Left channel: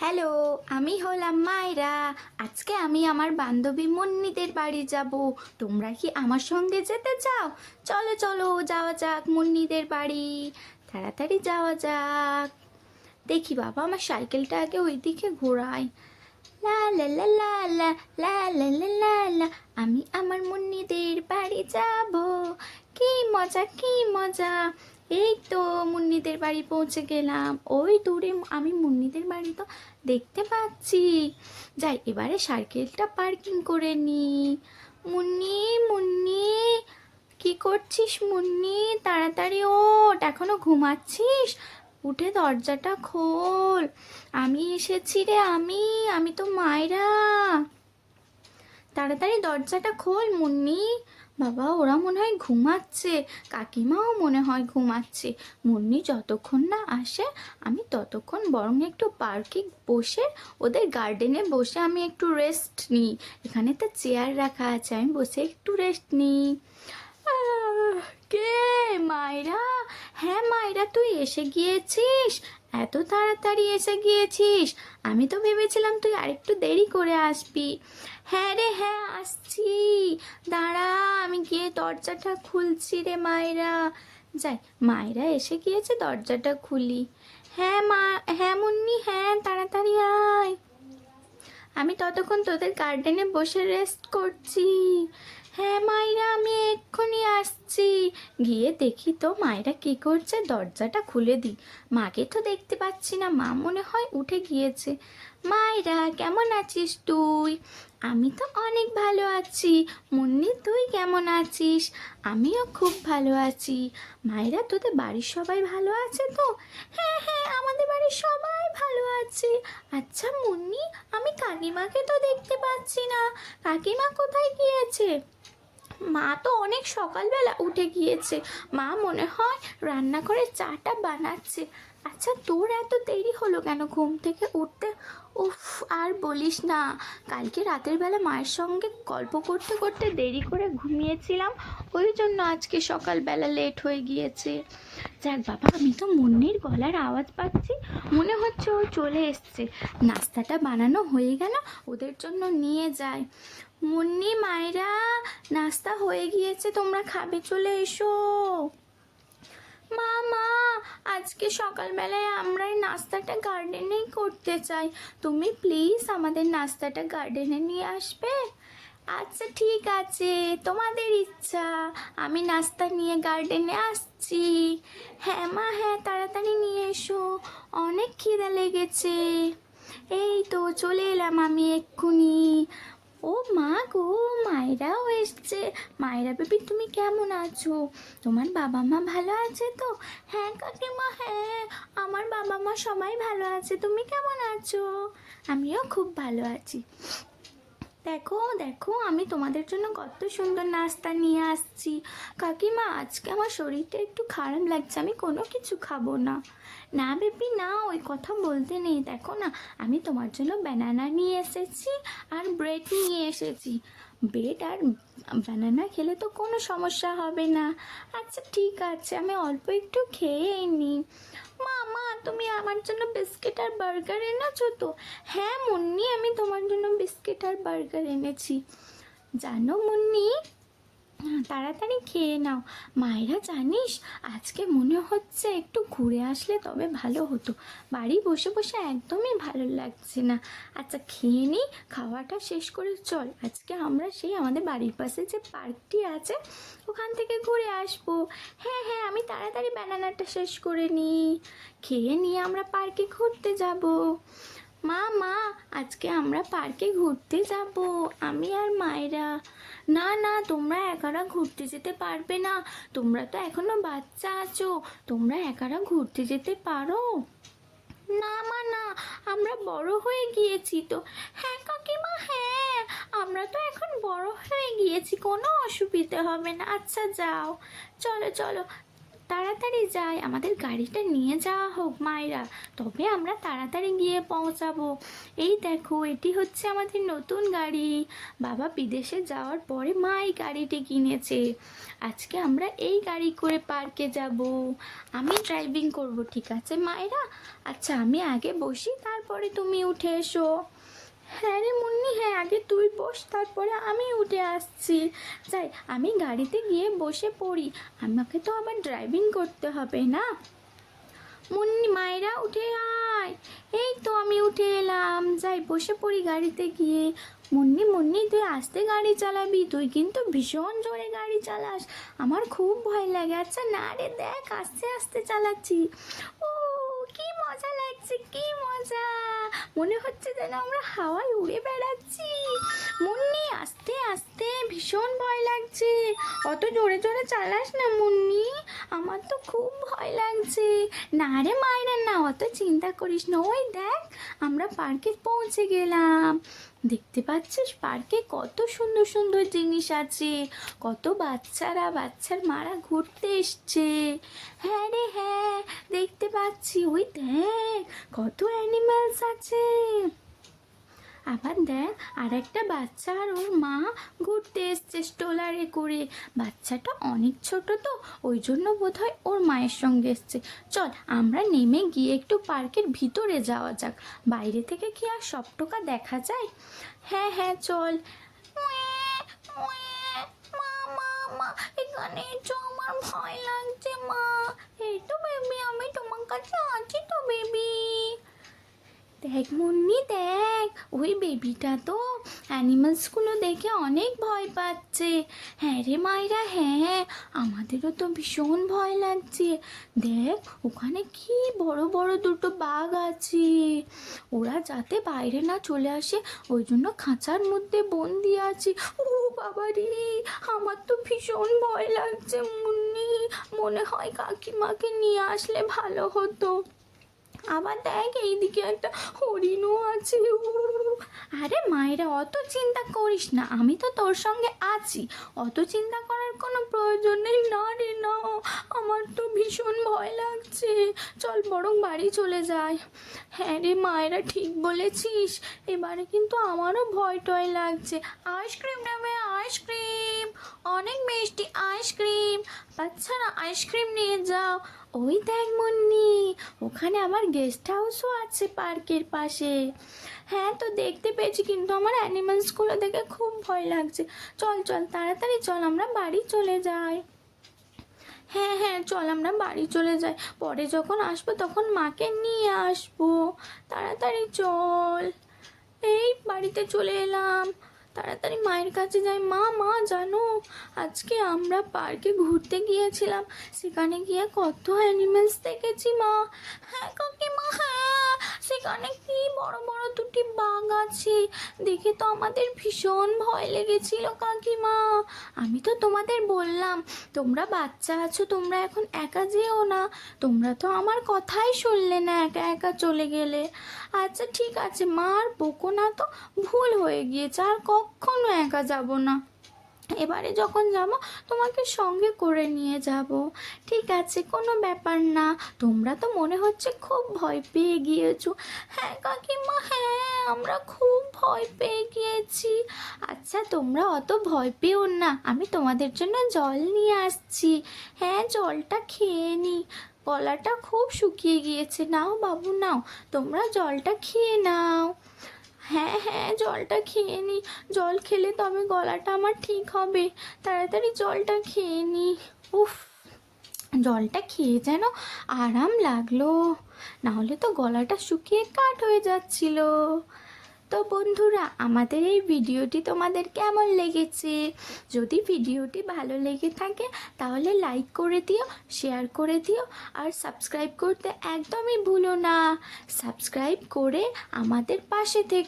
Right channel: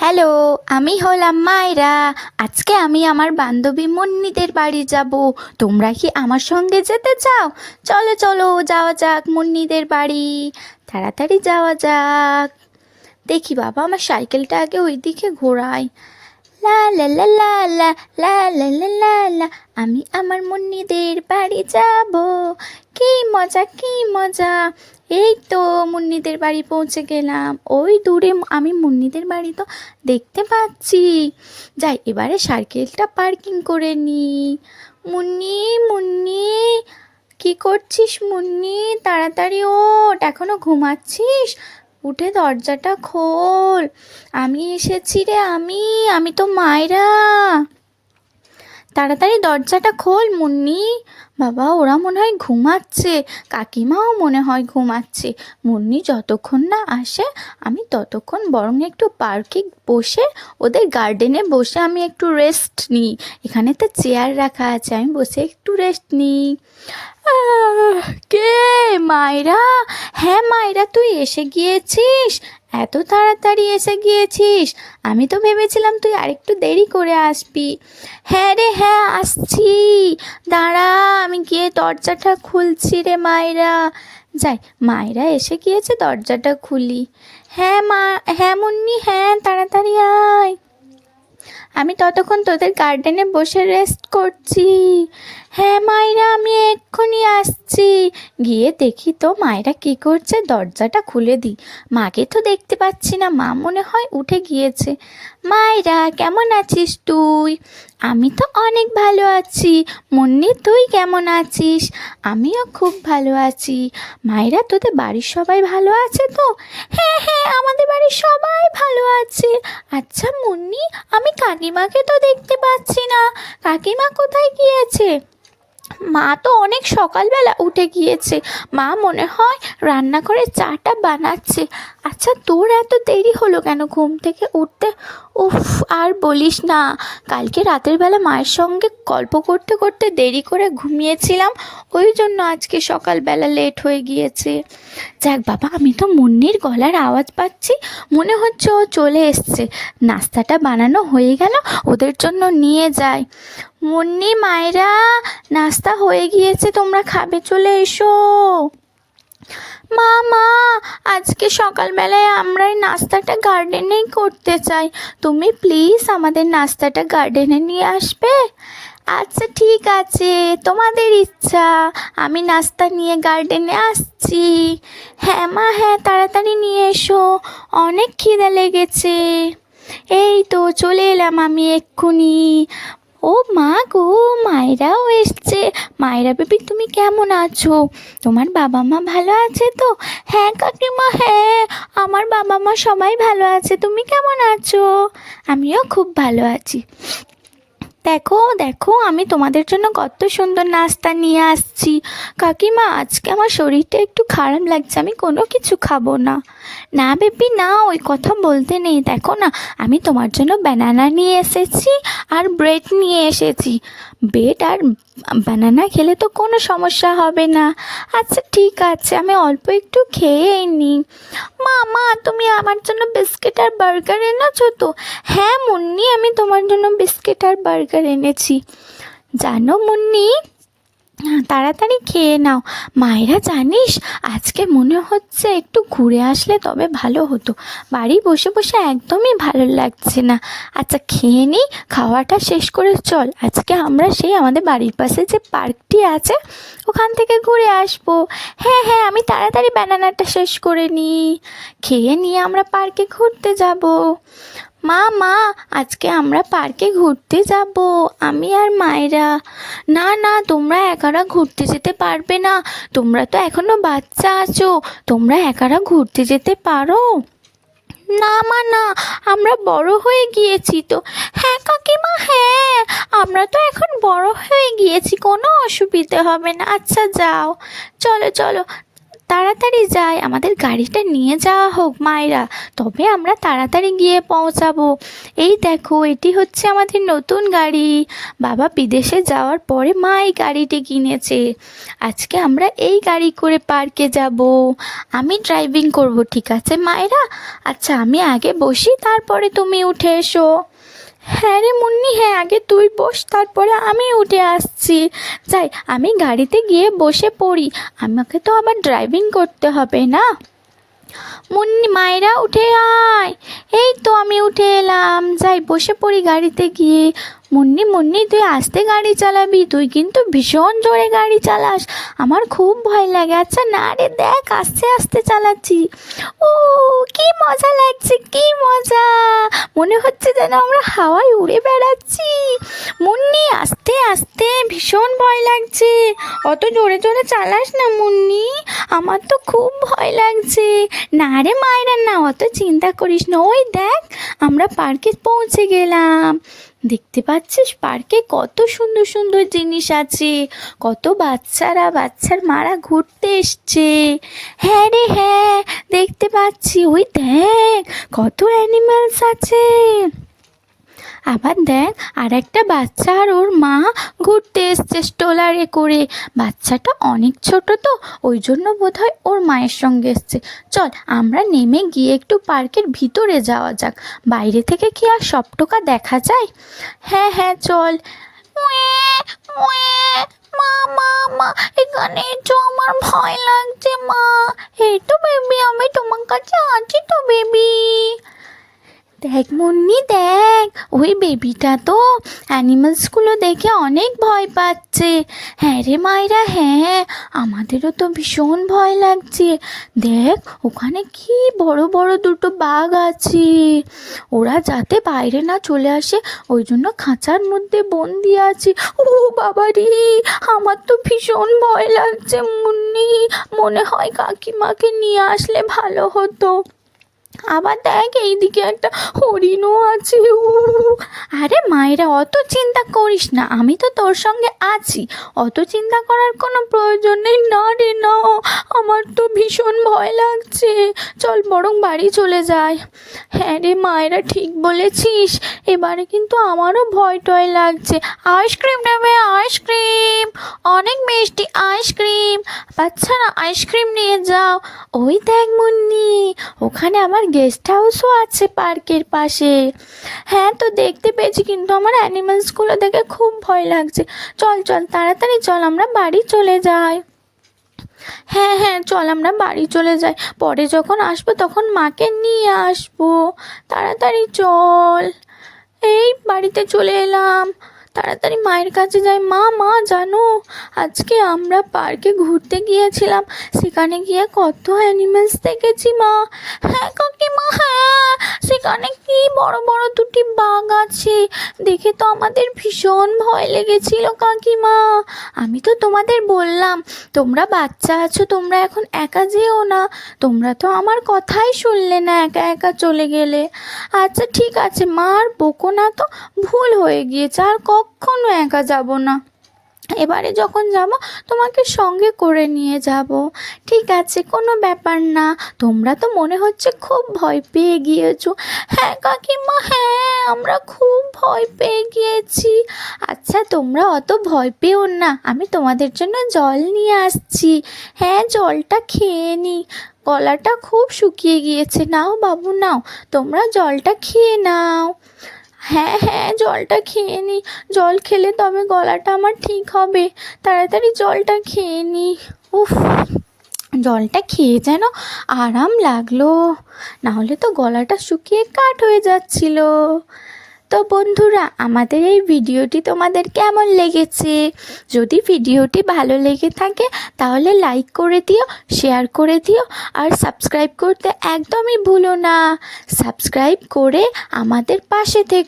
Hello, আমি হলাম মায়রা। আজকে আমি আমার বান্ধবী মুন্নিদের বাড়ি যাব। তোমরা কি আমার সঙ্গে যেতে চাও? চলো চলো যাওয়া যাক মুন্নিদের বাড়ি। তাড়াতাড়ি যাওয়া যাক। দেখি বাবা, আমার সাইকেলটা আগে ওইদিকে ঘোরাই। লা লা লা লা লা লা লা লা লা লা, আমি আমার মুন্নিদের বাড়ি যাব। কি মজা কি মজা। এই তো মুন্নিদের বাড়ি পৌঁছে গেলাম। ওই দূরে আমি মুন্নিদের বাড়ি তো দেখতে পাচ্ছি। যাই, এবারে সাইকেলটা পার্কিং করে নি। মুন্নি মুন্নি, কি করছিস মুন্নি? তাড়াতাড়ি ওঠ, এখনো ঘুমাচ্ছিস? উঠে দরজাটা খোল। আমি এসেছি রে, আমি তো মায়রা। তাড়াতাড়ি দরজাটা খোল মুন্নি। বাবা, ওরা মনে হয় ঘুমাচ্ছে, কাকিমাও মনে হয় ঘুমাচ্ছে। মুন্নি যতক্ষণ না আসে আমি ততক্ষণ বরং একটু পার্কে বসে, ওদের গার্ডেনে বসে আমি একটু রেস্ট নিই। এখানে তো চেয়ার রাখা আছে, আমি বসে একটু রেস্ট নিই। কে? মায়রা? হ্যাঁ মায়রা, তুই এসে গিয়েছিস? এত তাড়াতাড়ি এসে গিয়েছিস? আমি তো ভেবেছিলাম তুই আরেকটু দেরি করে আসবি। হ্যাঁ রে হ্যাঁ, আসছি। দাঁড়া, আমি গিয়ে দরজাটা খুলছি রে মায়রা। যাই, মায়রা এসে গিয়েছে, দরজাটা খুলি। হ্যাঁ মা, হ্যাঁ মুন্নি, হ্যাঁ তাড়াতাড়ি আয়। আমি ততক্ষণ তোদের গার্ডেনে বসে রেস্ট করছি। হ্যাঁ মায়রা, আমি এক্ষুনি আসছি। গিয়ে দেখি তো মায়রা কী করছে, দরজাটা খুলে দিই। মাকে তো দেখতে পাচ্ছি না, মা মনে হয় উঠে গিয়েছে। মায়রা, কেমন আছিস তুই? আমি তো অনেক ভালো আছি। মুন্নি, তুই কেমন আছিস? আমিও খুব ভালো আছি। মায়রা, তোদের বাড়ির সবাই ভালো আছে তো? হ্যাঁ হ্যাঁ, আমাদের বাড়ির সবাই ভালো আছে। আচ্ছা মুন্নি, আমি কাকিমাকে তো দেখতে পাচ্ছি না। কাকিমা কোথায় গিয়েছে? মা তো অনেক সকালবেলা উঠে গিয়েছে। মা মনে হয় রান্না করে চাটা বানাচ্ছে। আচ্ছা, তোর এত দেরি হলো কেন ঘুম থেকে উঠতে? উফ, আর বলিস না, কালকে রাতের বেলা মায়ের সঙ্গে গল্প করতে করতে দেরি করে ঘুমিয়েছিলাম, ওই জন্য আজকে সকালবেলা লেট হয়ে গিয়েছে। যাক বাবা, আমি তো মুন্নির গলার আওয়াজ পাচ্ছি, মনে হচ্ছে ও চলে এসছে। নাস্তাটা বানানো হয়ে গেল, ওদের জন্য নিয়ে যাই। মুন্নি, মায়েরা, নাস্তা হয়ে গিয়েছে, তোমরা খাবে, চলে এসো। মা মা, আজকে সকালবেলায় আমরা এই নাস্তাটা গার্ডেনেই করতে চাই। তুমি প্লিজ আমাদের নাস্তাটা গার্ডেনে নিয়ে আসবে? আচ্ছা ঠিক আছে, তোমাদের ইচ্ছা। আমি নাস্তা নিয়ে গার্ডেনে আসছি। হ্যাঁ মা হ্যাঁ, তাড়াতাড়ি নিয়ে এসো, অনেক খিদে লেগেছে। এই তো চলে এলাম আমি এক্ষুনি। ও মা গো, মায়েরাও এসছে। মায়েরা বেবি, তুমি কেমন আছো? তোমার বাবা মা ভালো আছে তো? হ্যাঁ কাকিমা, হ্যাঁ আমার বাবা মা সবাই ভালো আছে। তুমি কেমন আছো? আমিও খুব ভালো আছি। দেখো দেখো, আমি তোমাদের জন্য কত সুন্দর নাস্তা নিয়ে আসছি। কাকিমা, আজকে আমার শরীরটা একটু খারাপ লাগছে, আমি কোনো কিছু খাবো না। না বেবি না, ওই কথা বলতে নেই। দেখো না, আমি তোমার জন্য ব্যানানা নিয়ে এসেছি আর ব্রেড নিয়ে এসেছি। ব্রেড আর বানানা খেলে তো কোনো সমস্যা হবে না। আচ্ছা ঠিক আছে, আমি অল্প একটু খেয়েই নিই। মা মা, তুমি আমার জন্য বিস্কিট আর বার্গার এনেছো তো? হ্যাঁ মুন্নি, আমি তোমার জন্য বিস্কিট আর বার্গার এনেছি। জানো মুন্নি, তাড়াতাড়ি খেয়ে নাও। মায়েরা জানিস, আজকে মনে হচ্ছে একটু ঘুরে আসলে তবে ভালো হতো। বাড়ি বসে বসে একদমই ভালো লাগছে না। আচ্ছা খেয়ে নিই, খাওয়াটা শেষ করে চল, আজকে আমরা সেই আমাদের বাড়ির পাশে যে পার্কটি আছে ওখান থেকে ঘুরে আসবো। হ্যাঁ হ্যাঁ, আমি তাড়াতাড়ি ব্যানানাটা শেষ করে নিই, খেয়ে নিয়ে আমরা পার্কে ঘুরতে যাব। মা মা, আজকে আমরা পার্কে ঘুরতে যাব, আমি আর মায়েরা। না না, তোমরা একারা ঘুরতে যেতে পারবে না, তোমরা তো এখনো বাচ্চা আছো, তোমরা একারা ঘুরতে যেতে পারো না? মা না, আমরা বড় হয়ে গিয়েছি তো। হ্যাঁ কাকিমা, হ্যাঁ আমরা তো এখন বড় হয়ে গিয়েছি, কোনো অসুবিধে হবে না। আচ্ছা যাও, চলো চলো, তাড়াতাড়ি যাই, আমাদের গাড়িটা নিয়ে যাওয়া হোক মায়েরা, তবে আমরা তাড়াতাড়ি গিয়ে পৌঁছাবো। এই দেখো, এটি হচ্ছে আমাদের নতুন গাড়ি। বাবা বিদেশে যাওয়ার পরে মা এই গাড়িটি কিনেছে। আজকে আমরা এই গাড়ি করে পার্কে যাব। আমি ড্রাইভিং করব, ঠিক আছে মায়েরা? আচ্ছা, আমি আগে বসি, তারপরে তুমি উঠে এসো। হ্যাঁ রে মুন্নি, হ্যাঁ, আগে তুই বস, তারপরে আমি উঠে আসছি। যাই, আমি গাড়িতে গিয়ে বসে পড়ি, আমাকে তো আবার ড্রাইভিং করতে হবে না। মুন্নি, মায়েরা উঠে আয়। এই তো আমি উঠে এলাম, যাই বসে পড়ি গাড়িতে গিয়ে। মুন্নি মুন্নি, তুই আস্তে গাড়ি চালাবি, তুই কিন্তু ভীষণ জোরে গাড়ি চালাস, আমার খুব ভয় লাগে। আচ্ছা না রে, দেখ আস্তে আস্তে চালাচ্ছি। ও, কি মজা লাগছে, কি মজা, মনে হচ্ছে যেন আমরা হাওয়ায় উড়ে বেড়াচ্ছি। মুন্নি আস্তে আস্তে, ভীষণ ভয় লাগছে, অত জোরে জোরে চালাস না মুন্নি, আমার তো খুব ভয় লাগছে। না রে মায়েরা না, অত চিন্তা করিস না। ওই দেখ, আমরা পার্কে পৌঁছে গেলাম। দেখতে পাচ্ছিস পার্কে কত সুন্দর সুন্দর জিনিস আছে, কত বাচ্চার মারা ঘুরতে এসছে। হ্যাঁ রে হ্যাঁ, দেখতে পাচ্ছি, ওই দেখ কত অ্যানিমালস আছে। আবার দেখ, আর একটা বাচ্চা আর ওর মা ঘুরতে এসছে স্ট্রলারে করে। বাচ্চাটা অনেক ছোট তো, ওই জন্য বোধহয় ওর মায়ের সঙ্গে এসছে। চল আমরা নেমে গিয়ে একটু পার্কের ভিতরে যাওয়া যাক, বাইরে থেকে কি আর সবটুকা দেখা যায়? হ্যাঁ হ্যাঁ চল। মা মা মা, এখানে তো আমার ভয় লাগছে মা। এই তো বেবি, আমি তোমার কাছে আছি তো বেবি। দেখ মুন্নি দেখ, ওই বেবিটা তো অ্যানিমালসগুলো দেখে অনেক ভয় পাচ্ছে। হ্যাঁ রে মায়েরা, হ্যাঁ, আমাদেরও তো ভীষণ ভয় লাগছে। দেখ ওখানে কি বড় বড় দুটো বাঘ আছে, ওরা যাতে বাইরে না চলে আসে ওই জন্য খাঁচার মধ্যে বন্দি আছে। ও বাবা রে, আমার তো ভীষণ ভয় লাগছে মুন্নি, মনে হয় কাকিমাকে নিয়ে আসলে ভালো হতো। আবার দেখ, এইদিকে একটা হরিণও আছে। আরে মায়েরা, অত চিন্তা করিস না, আমি তো তোর সঙ্গে আছি, অত চিন্তা করার কোনো প্রয়োজন নেই। না রে না, আমার তো ভীষণ ভয় লাগছে, চল বরং বাড়ি চলে যাই। হ্যাঁ রে মায়েরা, ঠিক বলেছিস, এবারে কিন্তু আমারও ভয় টয় লাগছে। আইসক্রিম নেবে? আইসক্রিম, অনেক মিষ্টি আইসক্রিম, বাচ্চারা আইসক্রিম নিয়ে যাও। ওই দেখ মুন্নি, ওখানে আমার গেস্ট হাউসও আছে পার্কের পাশে। হ্যাঁ তো দেখতে পেয়েছি, কিন্তু আমার অ্যানিমালসগুলো দেখে খুব ভয় লাগছে। চল চল তাড়াতাড়ি চল, আমরা বাড়ি চলে যাই। হ্যাঁ হ্যাঁ চল, আমরা বাড়ি চলে যাই, পরে যখন আসবো তখন মাকে নিয়ে আসবো। তাড়াতাড়ি চল। এই বাড়িতে চলে এলাম, তাড়াতাড়ি মায়ের কাছে যাই। মা মা, জানো আজকে আমরা পার্কে ঘুরতে গিয়েছিলাম, সেখানে গিয়ে কত অ্যানিমেলস দেখেছি মা। হ্যাঁ কাকিমা, হ্যাঁ, সেখানে কি বড় বড় দুটি বাঘ আছে, দেখে তো আমাদের ভীষণ ভয় লেগেছিল কাকিমা। আমি তো তোমাদের বললাম, তোমরা বাচ্চা আছো, তোমরা এখন একা যেও না, তোমরা তো আমার কথাই শুনলে না, একা একা চলে গেলে। আচ্ছা ঠিক আছে মা, আর বকো না তো, ভুল হয়ে গিয়েছে, আর কখনো একা যাব না, এবারে যখন যাব তোমাকে সঙ্গে করে নিয়ে যাব। ঠিক আছে, কোনো ব্যাপার না, তোমরা তো মনে হচ্ছে খুব ভয় পেয়ে গিয়েছো। হ্যাঁ কাকিমা, হ্যাঁ, আমরা খুব ভয় পেয়ে গিয়েছি। আচ্ছা তোমরা অত ভয় পেও না, আমি তোমাদের জন্য জল নিয়ে আসছি। হ্যাঁ, জলটা খেয়ে নি, গলাটা খুব শুকিয়ে গিয়েছে। নাও বাবু নাও, তোমরা জলটা খেয়ে নাও। হ্যাঁ হ্যাঁ, জলটা খেয়ে নি, জল খেলে তবে গলাটা আমার ঠিক হবে, তাড়াতাড়ি জলটা খেয়ে নি। উফ, জলটা খেয়ে যেন আরাম লাগলো, নাহলে তো গলাটা শুকিয়ে কাঠ হয়ে যাচ্ছিল। তো বন্ধুরা, আমাদের এই ভিডিওটি তোমাদের কেমন লেগেছে? যদি ভিডিওটি ভালো লেগে থাকে তাহলে লাইক করে দিও, শেয়ার করে দিও, আর সাবস্ক্রাইব করতে একদমই ভুলো না। সাবস্ক্রাইব করে আমাদের পাশে থেকো।